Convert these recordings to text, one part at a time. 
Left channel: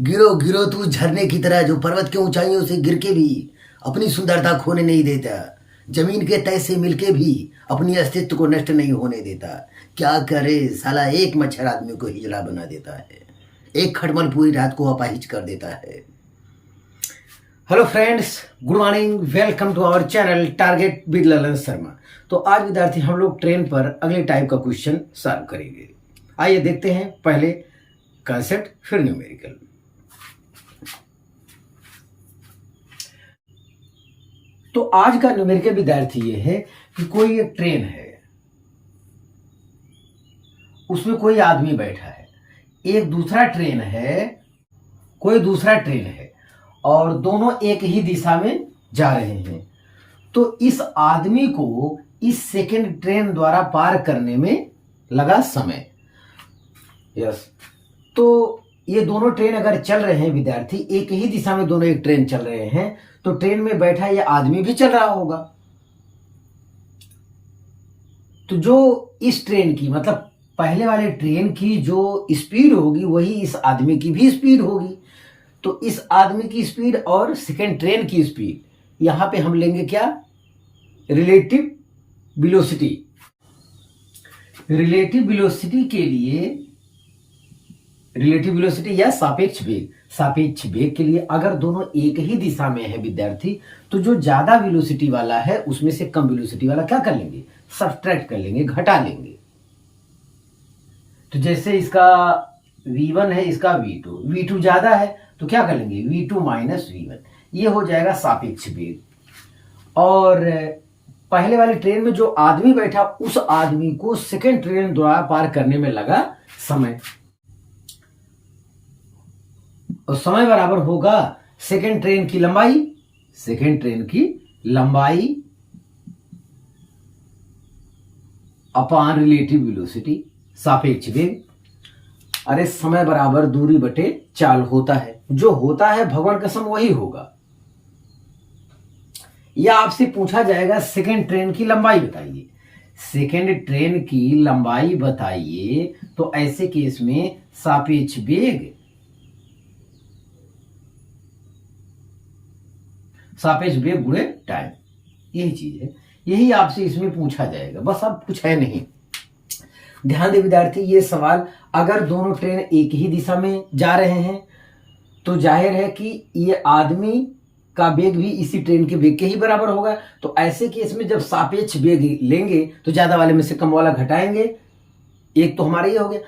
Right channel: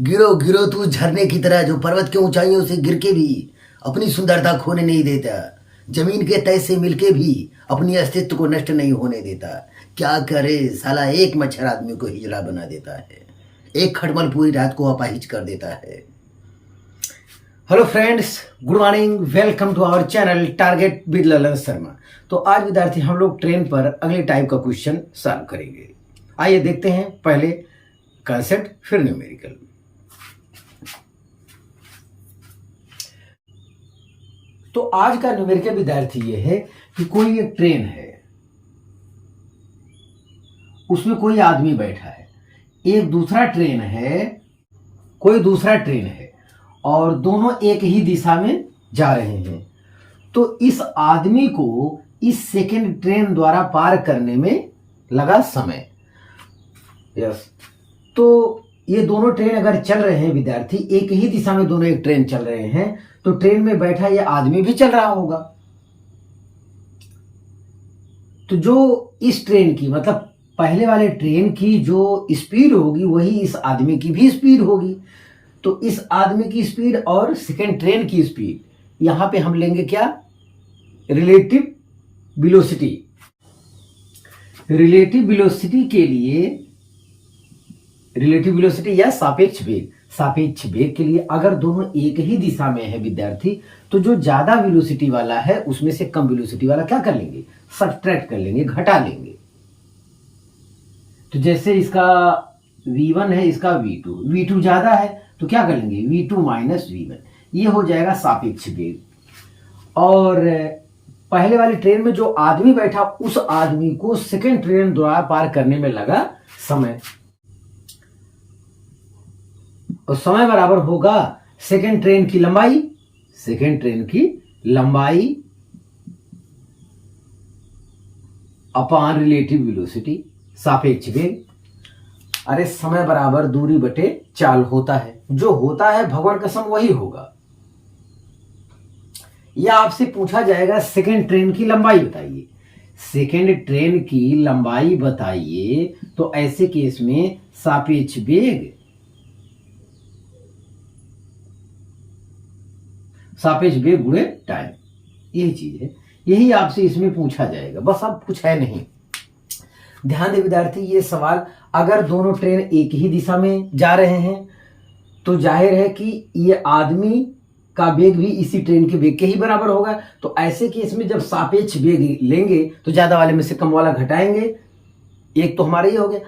गिरो गिरो तू झरने की तरह जो पर्वत की ऊंचाइयों से गिर के भी अपनी सुंदरता खोने नहीं देता, जमीन के तय से मिलके भी अपनी अस्तित्व को नष्ट नहीं होने देता। क्या करे साला, एक मच्छर आदमी को हिजड़ा बना देता है, एक खटमल पूरी रात को अपाहिज कर देता है। Hello friends, good morning, welcome to our channel target with Lalan Sharma. तो आज विद्यार्थी हम लोग ट्रेन पर अगले टाइप का क्वेश्चन सॉल्व करेंगे। आइए देखते हैं, पहले कंसेप्ट फिर न्यूमेरिकल। तो आज का न्यूमेरिकल विद्यार्थी ये है कि कोई एक ट्रेन है, उसमें कोई आदमी बैठा है, एक दूसरा ट्रेन है, कोई दूसरा ट्रेन है और दोनों एक ही दिशा में जा रहे हैं। तो इस आदमी को इस सेकंड ट्रेन द्वारा पार करने में लगा समय। यस, तो ये दोनों ट्रेन अगर चल रहे हैं विद्यार्थी, एक ही दिशा में दोनों एक ट्रेन चल रहे हैं, तो ट्रेन में बैठा ये आदमी भी चल रहा होगा। तो जो इस ट्रेन की मतलब पहले वाले ट्रेन की जो स्पीड होगी वही इस आदमी की भी स्पीड होगी। तो इस आदमी की स्पीड और सेकेंड ट्रेन की स्पीड यहां पे हम लेंगे क्या, रिलेटिव वेलोसिटी। रिलेटिव वेलोसिटी के लिए, रिलेटिव वेलोसिटी या सापेक्ष वेग, सापेक्ष वेग के लिए अगर दोनों एक ही दिशा में है विद्यार्थी, तो जो ज्यादा वेलोसिटी वाला है उसमें से कम वेलोसिटी वाला क्या कर लेंगे, सब्ट्रैक्ट कर लेंगे, घटा लेंगे। तो जैसे इसका v1 है, इसका v2 ज्यादा है तो क्या कर लेंगे, v2 माइनस v1, ये हो जाएगा सापेक्ष वेग। और पहले वाली ट्रेन में जो आदमी बैठा, उस आदमी को सेकेंड ट्रेन द्वारा पार करने में लगा समय, और समय बराबर होगा सेकेंड ट्रेन की लंबाई, सेकेंड ट्रेन की लंबाई अपॉन रिलेटिव वेलोसिटी, सापेक्ष वेग। अरे समय बराबर दूरी बटे चाल होता है, जो होता है भगवान कसम वही होगा। या आपसे पूछा जाएगा सेकेंड ट्रेन की लंबाई बताइए, सेकेंड ट्रेन की लंबाई बताइए, तो ऐसे केस में सापेक्ष वेग, सापेक्ष वेग गुणे टाइम, यही चीज है, यही आपसे इसमें पूछा जाएगा, बस अब कुछ है नहीं। ध्यान दे विद्यार्थी, ये सवाल अगर दोनों ट्रेन एक ही दिशा में जा रहे हैं तो जाहिर है कि ये आदमी का वेग भी इसी ट्रेन के वेग के ही बराबर होगा। तो ऐसे केस में जब सापेक्ष वेग लेंगे तो ज्यादा वाले में से कम वाला घटाएंगे, एक तो हमारा ये हो गया।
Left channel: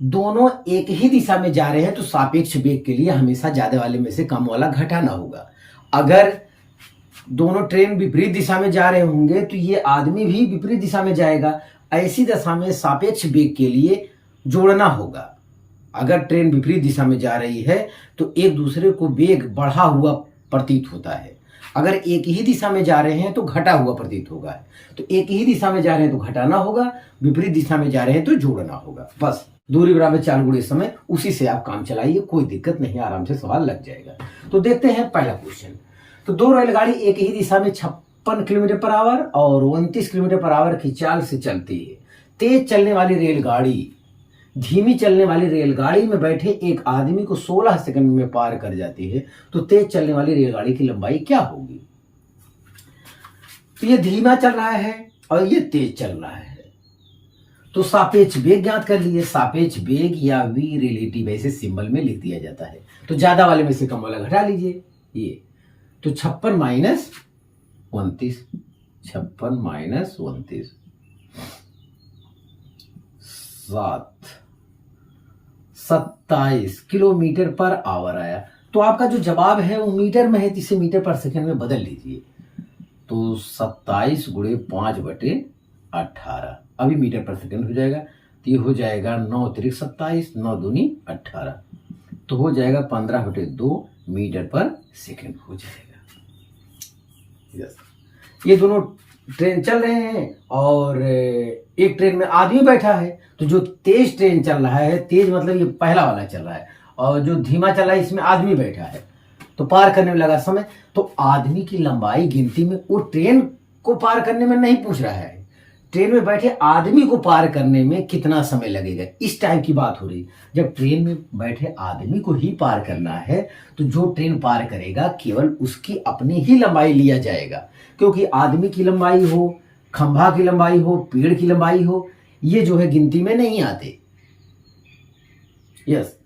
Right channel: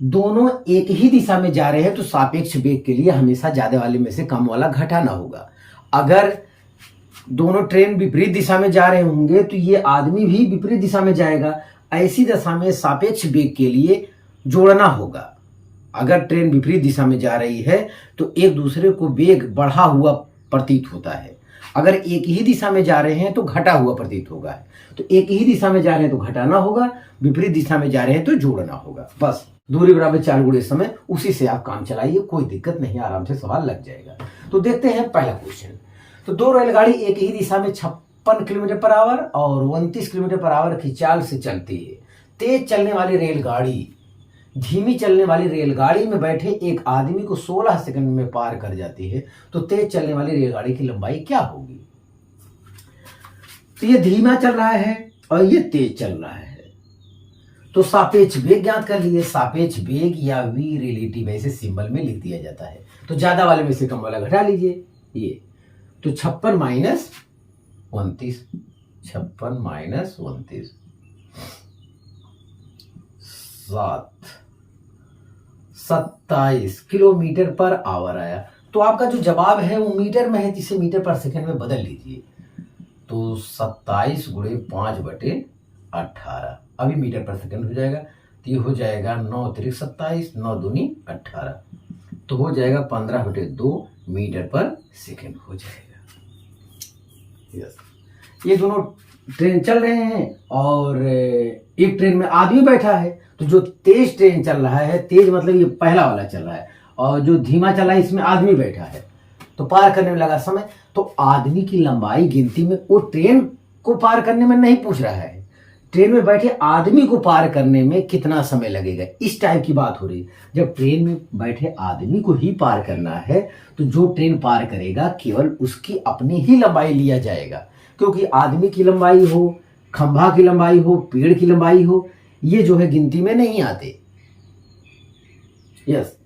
दोनों एक ही दिशा में जा रहे हैं तो सापेक्ष वेग के लिए हमेशा ज्यादा वाले में से कम वाला घटाना होगा। अगर दोनों ट्रेन विपरीत दिशा में जा रहे होंगे तो ये आदमी भी विपरीत दिशा में जाएगा, ऐसी दशा में सापेक्ष वेग के लिए जोड़ना होगा। अगर ट्रेन विपरीत दिशा में जा रही है तो एक दूसरे को वेग बढ़ा हुआ प्रतीत होता है, अगर एक ही दिशा में जा रहे हैं तो घटा हुआ प्रतीत होगा। तो एक ही दिशा में जा रहे हैं तो घटाना होगा, विपरीत दिशा में जा रहे हैं तो जोड़ना होगा। बस दूरी बराबर चाल गुणे समय, उसी से आप काम चलाइए, कोई दिक्कत नहीं, आराम से सवाल लग जाएगा। तो देखते हैं पहला क्वेश्चन। तो दो रेलगाड़ी एक ही दिशा में 56 किलोमीटर पर आवर और 29 किलोमीटर पर आवर की चाल से चलती है। तेज चलने वाली रेलगाड़ी धीमी चलने वाली रेलगाड़ी में बैठे एक आदमी को 16 सेकंड में पार कर जाती है, तो तेज चलने वाली रेलगाड़ी की लंबाई क्या होगी। तो ये धीमा चल रहा है और ये तेज चल रहा है, तो सापेक्ष वेग ज्ञात कर लिए। सापेक्ष वेग या v रिलेटिव ऐसे सिंबल में लिख दिया जाता है, तो ज्यादा वाले में से कम वाला घटा लीजिए। ये तो 56 minus 29, 56 minus 29 27 kilometre per hour आया। तो आपका जो जवाब है वो मीटर में है, तो इसे मीटर पर सेकंड में बदल लीजिए। तो 27 गुणे 5/18, अभी मीटर पर सेकंड हो जाएगा, तो ये हो जाएगा 9 त्रिक 27, 9 दूनी 18, तो हो जाएगा 15/2 मीटर पर सेकंड हो जाएगा। यस, ये दोनों ट्रेन चल रहे हैं और एक ट्रेन में आदमी बैठा है, तो जो तेज ट्रेन चल रहा है, तेज मतलब ये पहला वाला चल रहा है, और जो धीमा चल रहा है इसमें आदमी बैठा है, तो पार करने में लगा समय। तो आदमी की लंबाई गिनती में, वो ट्रेन को पार करने में नहीं पूछ रहा है, ट्रेन में बैठे आदमी को पार करने में कितना समय लगेगा, इस टाइप की बात हो रही है। जब ट्रेन में बैठे आदमी को ही पार करना है तो जो ट्रेन पार करेगा केवल उसकी अपनी ही लंबाई लिया जाएगा, क्योंकि आदमी की लंबाई हो, खंभा की लंबाई हो, पेड़ की लंबाई हो, ये जो है गिनती में नहीं आते। यस,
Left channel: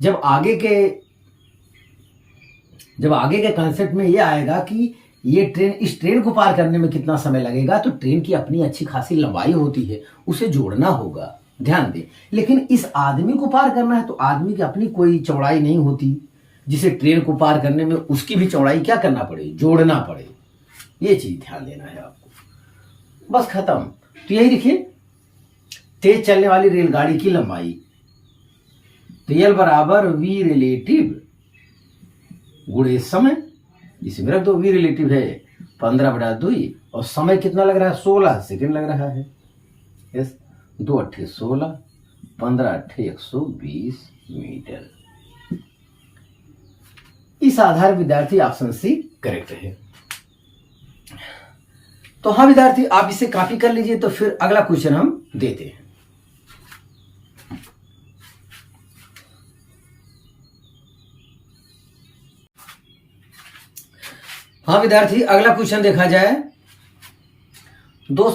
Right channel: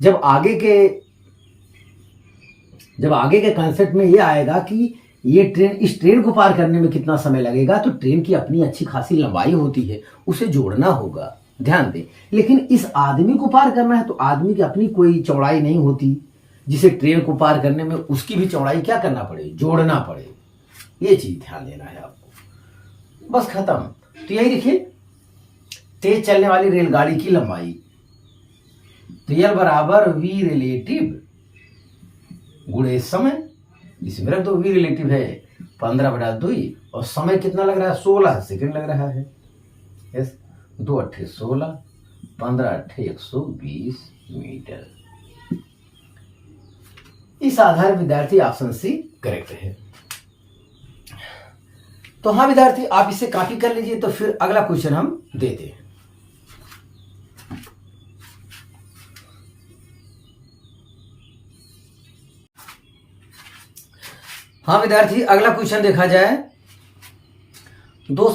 जब आगे के कंसेप्ट में ये आएगा कि ये ट्रेन, इस ट्रेन को पार करने में कितना समय लगेगा, तो ट्रेन की अपनी अच्छी खासी लंबाई होती है, उसे जोड़ना होगा, ध्यान दें। लेकिन इस आदमी को पार करना है तो आदमी की अपनी कोई चौड़ाई नहीं होती, जिसे ट्रेन को पार करने में उसकी भी चौड़ाई क्या करना पड़े, जोड़ना पड़े। ये चीज ध्यान देना है आपको। बस खत्म। तो यही देखिए, तेज चलने वाली रेलगाड़ी की लंबाई, तो L बराबर V रिलेटिव गुणे समय, इसमें रख दो, V रिलेटिव है 15/2 और समय कितना लग रहा है, 16 सेकंड लग रहा है। यस, 2 अट्ठे 16, 15 अट्ठे 120 मीटर। इस आधार विद्यार्थी ऑप्शन सी करेक्ट है। तो हाँ विद्यार्थी, आप इसे कॉपी कर लीजिए। तो फिर अगला क्वेश्चन हम देते हैं। हाँ विद्यार्थी, अगला क्वेश्चन देखा जाए। दो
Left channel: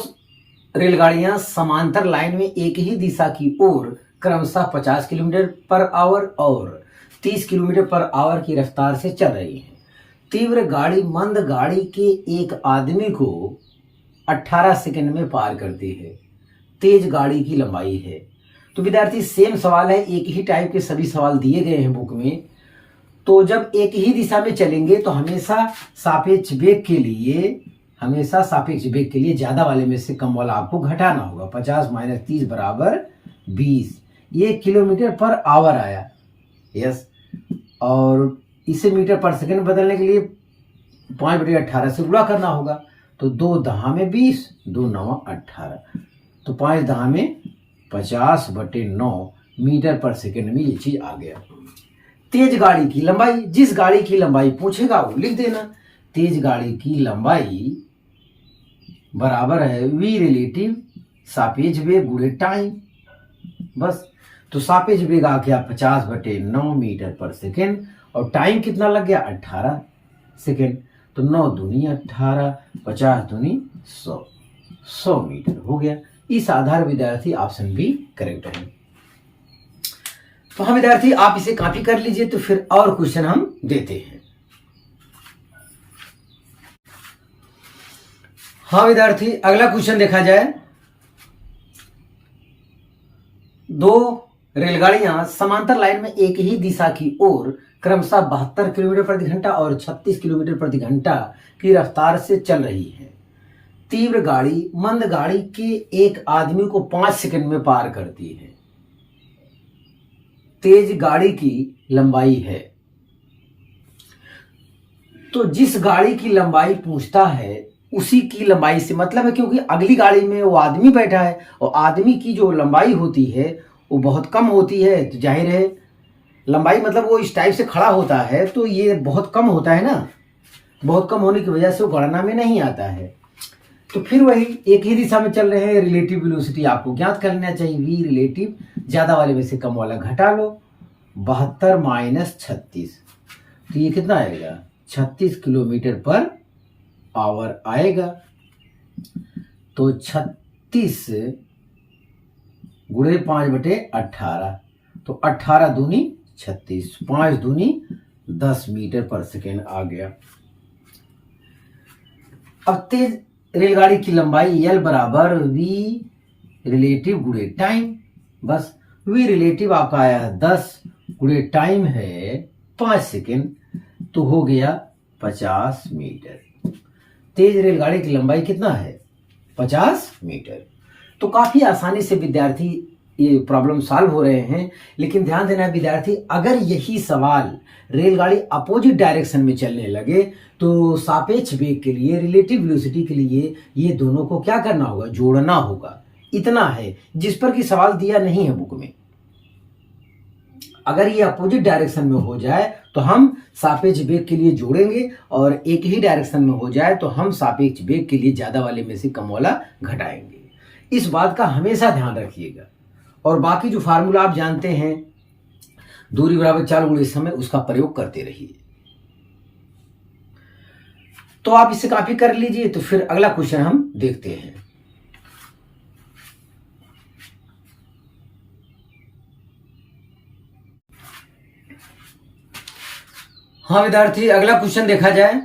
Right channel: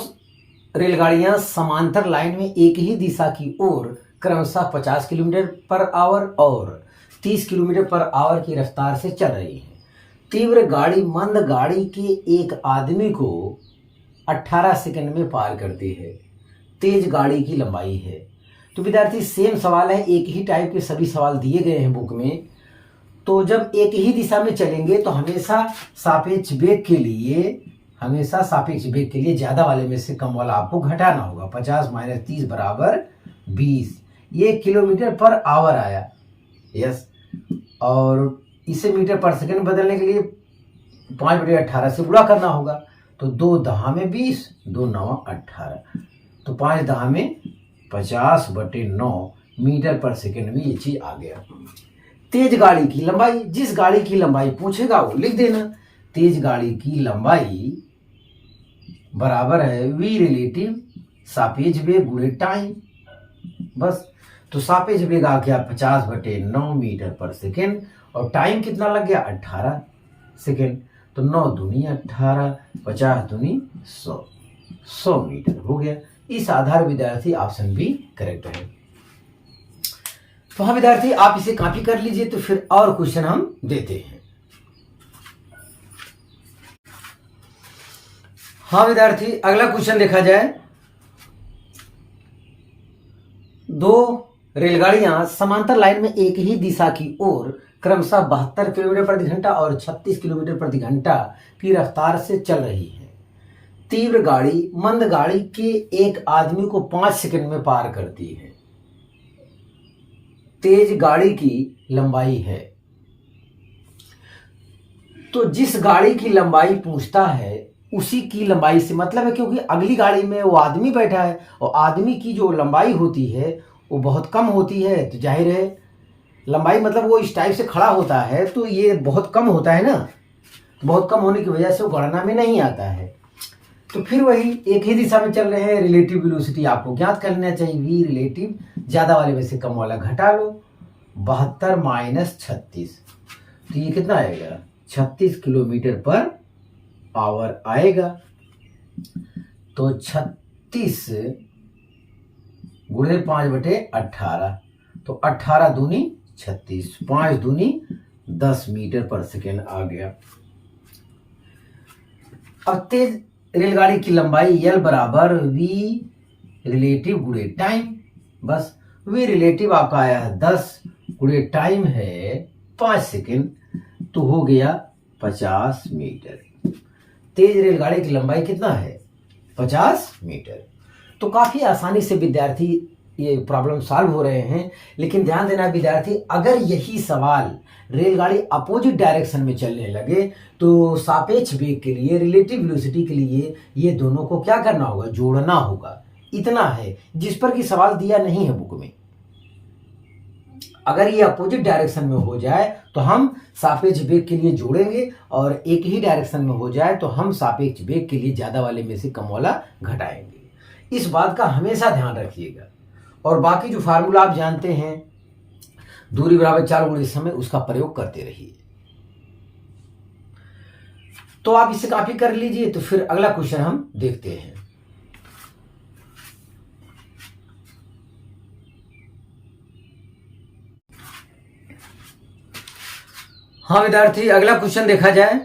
रेलगाड़ियां समांतर लाइन में एक ही दिशा की ओर क्रमशः 50 किलोमीटर पर आवर और 30 किलोमीटर पर आवर की रफ्तार से चल रही हैं। तीव्र गाड़ी मंद गाड़ी के एक आदमी को 18 सेकंड में पार करती है। तेज गाड़ी की लंबाई है। तो विद्यार्थी सेम सवाल है, एक ही टाइप के सभी सवाल दिए गए हैं बुक में। तो जब एक ही दिशा में चलेंगे तो हमेशा सापेक्ष वेग के लिए ज्यादा वाले में से कम वाला आपको घटाना होगा। 50 - 30 बराबर 20। ये किलोमीटर पर आवर आया। यस, और इसे मीटर पर सेकंड बदलने के लिए 5/18 से गुणा करना होगा। तो 2 दहा में 20, 2 9 18, तो 5 दहा में 50/9 मीटर पर सेकंड में ये चीज आ गया। तेज गाड़ी की लंबाई, जिस गाड़ी की लंबाई पूछेगा वो लिख देना। तेज गाड़ी की लंबाई बराबर है V रिलेटिव सापेक्ष वेग गुणे टाइम। बस, तो सापेक्ष वेग आ गया 50/9 मीटर पर सेकेंड और टाइम कितना लग गया 18 सेकेंड। तो 9 दूनी 18, 50 दूनी 100 मीटर हो गया। इस आधार विद्यार्थी ऑप्शन बी करेक्ट है। तो हाँ विद्यार्थी, आप इसे कॉपी कर लीजिए। तो फिर और क्वेश्चन हम देते हैं। हाँ विद्यार्थी, अगला क्वेश्चन देखा जाए। दो रेलगाड़ियां समांतर लाइन में एक ही दिशा की ओर क्रमशः 72 किलोमीटर प्रति घंटा और 36 किलोमीटर प्रति घंटा की रफ्तार से चल रही है। तीव्र गाड़ी मंद गाड़ी के एक आदमी को 5 सेकंड में पार करती है। तेज गाड़ी की लंबाई है। तो जिस गाड़ी की लंबाई पूछता है उसी की लंबाई से मतलब है, क्योंकि अगली गाड़ी में वो आदमी बैठा है और आदमी की जो लंबाई होती है वो बहुत कम होती है। तो जाहिर है लंबाई मतलब वो इस टाइप से खड़ा होता है, तो ये बहुत कम होता है ना। बहुत कम होने की वजह से वो गणना में नहीं आता है। तो फिर वही एक ही दिशा में चल रहे हैं। रिलेटिव वेलोसिटी आपको ज्ञात करना चाहिए। V रिलेटिव ज्यादा वाले में से कम वाला घटा लो। 72 - 36, तो ये कितना आएगा 36 किलोमीटर पर आवर आएगा। तो 36 गुणे 5/18, तो 18 दूनी 36, 5 दूनी 10 मीटर पर सेकेंड आ गया। अब तेज रेलगाड़ी की लंबाई L बराबर V रिलेटिव गुणे टाइम। बस, V रिलेटिव आपका आया है 10 गुणे टाइम है 5 सेकेंड, तो हो गया 50 मीटर। तेज रेलगाड़ी की लंबाई कितना है 50 मीटर। तो काफी आसानी से विद्यार्थी ये प्रॉब्लम सॉल्व हो रहे हैं। लेकिन ध्यान देना विद्यार्थी, अगर यही सवाल रेलगाड़ी अपोजिट डायरेक्शन में चलने लगे तो सापेक्ष वेग के लिए, रिलेटिव वेलोसिटी के लिए ये दोनों को क्या करना होगा, जोड़ना होगा। इतना है जिस पर कि सवाल दिया नहीं है बुक में। अगर ये अपोजिट डायरेक्शन में हो जाए तो हम सापेक्ष वेग के लिए जोड़ेंगे और एक ही डायरेक्शन में हो जाए तो हम सापेक्ष वेग के लिए ज्यादा वाले में से कम वाला घटाएंगे। इस बात का हमेशा ध्यान रखिएगा। और बाकी जो फार्मूला आप जानते हैं, दूरी बराबर 4 गुणे समय, उसका प्रयोग करते रहिए। तो आप इसे कॉपी कर लीजिए। तो फिर अगला क्वेश्चन हम देखते हैं। हाँ विद्यार्थी, अगला क्वेश्चन देखा जाए।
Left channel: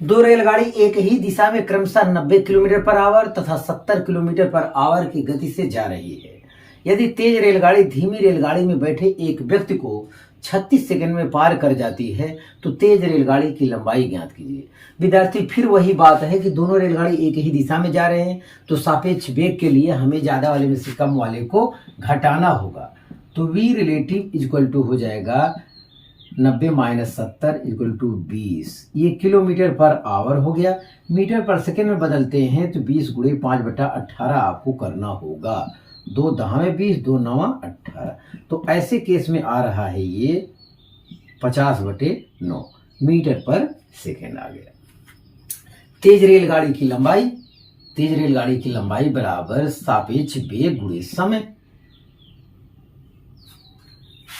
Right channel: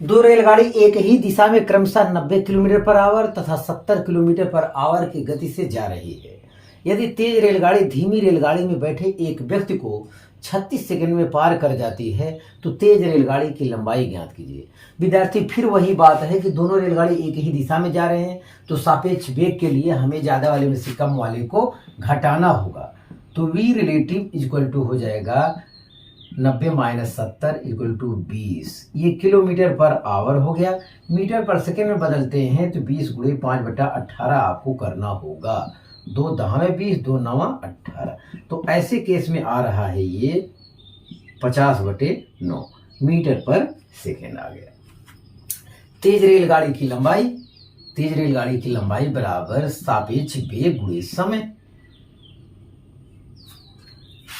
दो रेलगाड़ी एक ही दिशा में क्रमशः 90 किलोमीटर पर आवर तथा 70 किलोमीटर पर आवर की गति से जा रही है। यदि तेज रेलगाड़ी धीमी रेलगाड़ी में बैठे एक व्यक्ति को 36 सेकंड में पार कर जाती है तो तेज रेलगाड़ी की लंबाई ज्ञात कीजिए। विद्यार्थी, फिर वही बात है कि दोनों रेलगाड़ी एक ही दिशा में जा रहे हैं, तो सापेक्ष वेग के लिए हमें ज्यादा वाले में से कम वाले को घटाना होगा। तो v रिलेटिव इक्वल टू हो जाएगा 90 माइनस 70 इक्वल टू 20। ये किलोमीटर पर आवर हो गया। मीटर पर सेकेंड में बदलते हैं तो 20 गुणे 5/18 आपको करना होगा। 2 दहावे 20, 2 नवा 18। तो ऐसे केस में आ रहा है ये 50/9 मीटर पर सेकेंड आ गया। तेज रेलगाड़ी की लंबाई बराबर सापेक्ष वेग गुणे समय।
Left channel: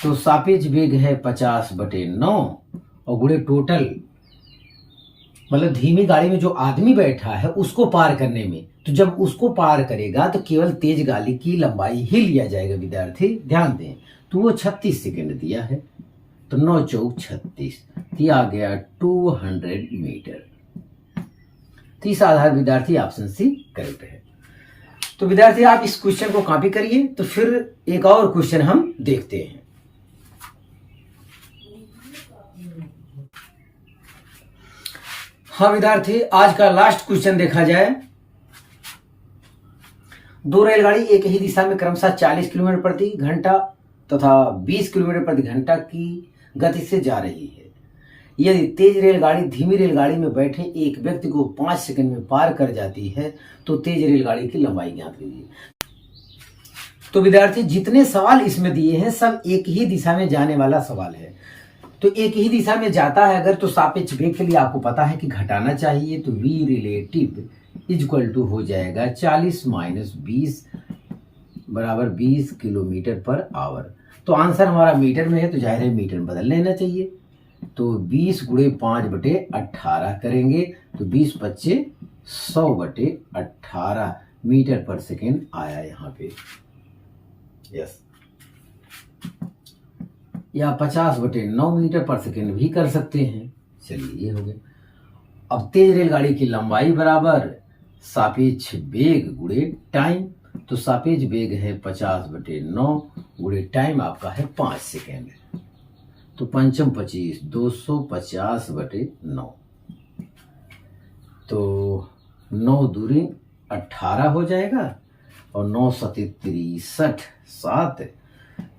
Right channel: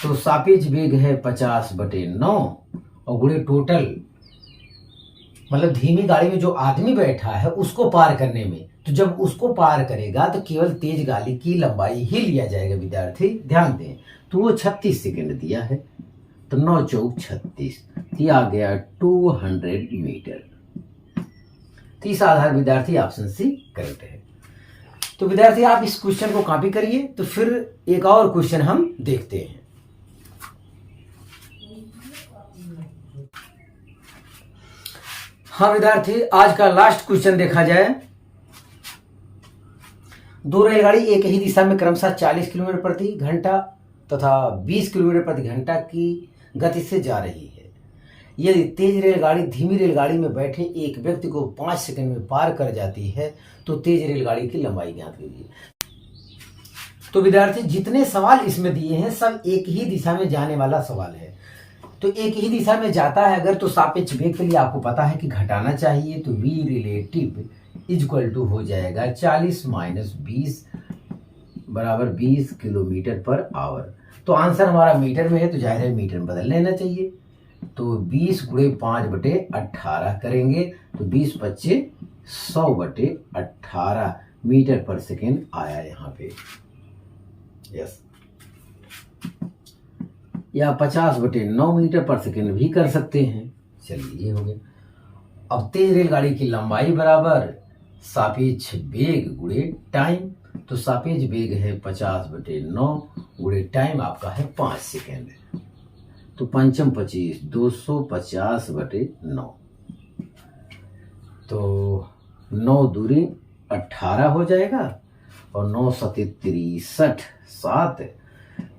तो सापेक्ष वेग है 50/9 और गुणे टोटल, मतलब धीमी गाड़ी में जो आदमी बैठा है उसको पार करने में, तो जब उसको पार करेगा तो केवल तेज गाड़ी की लंबाई ही लिया जाएगा। विद्यार्थी ध्यान दें, तो वो 36 सेकंड दिया है, तो 9 चौक 36, आ गया 200 मीटर। तो इस आधार विद्यार्थी ऑप्शन सी करेक्ट है। तो विद्यार्थी आप इस क्वेश्चन को कॉपी करिए। तो फिर एक और क्वेश्चन हम देखते हैं। हाँ विद्यार्थी, आज का लास्ट क्वेश्चन देखा जाए। दो रेलगाड़ी एक ही दिशा में क्रमशः 40 किलोमीटर प्रति घंटा तथा 20 किलोमीटर प्रति घंटा की गति से जा रही है। यदि तेज रेलगाड़ी धीमी रेलगाड़ी में बैठे एक व्यक्ति को 5 सेकंड में पार कर जाती है तो तेज रेलगाड़ी की लंबाई ज्ञात कीजिए। तो विद्यार्थी, जितने सवाल इसमें दिए हैं सब एक ही दिशा में जाने वाला सवाल है। तो एक ही दिशा में जाता है अगर, तो सापेक्ष वेग के लिए आपको पता है कि घटाना चाहिए। तो v रिलेटिव इक्वल टू हो जाएगा 40 माइनस 20 बराबर 20 किलोमीटर पर आवर। तो आंसर हमारा मीटर में है, तो जाहिर है मीटर में बदल लेना चाहिए। तो 20 गुणे 5/18 करेंगे तो 20 25 100/18 मीटर पर सेकेंड आया यहाँ पे। यस, या 50/9 मीटर पर सेकेंड भी कर सकते हैं। चलिए, ये हो गया। अब तेज रेलगाड़ी की लंबाई बराबर सापेक्ष वेग गुणे टाइम। तो सापेक्ष वेग है 50/9 गुणे टाइम आपका है 5 सेकेंड। तो 5 25 250/9। तो 9 दूरी 18 हो जाएगा और 9 7 7,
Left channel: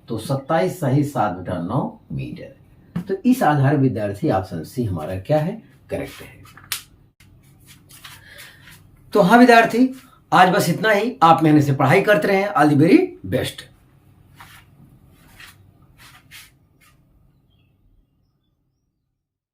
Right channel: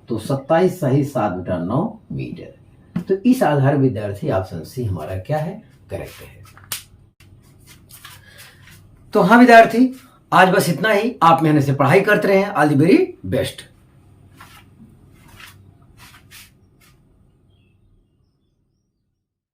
तो 27 सही 7/9 मीटर। तो इस आधार विद्यार्थी ऑप्शन सी हमारा क्या है, करेक्ट है। तो हाँ विद्यार्थी, आज बस इतना ही। आप मेहनत से पढ़ाई करते रहें। All the very best.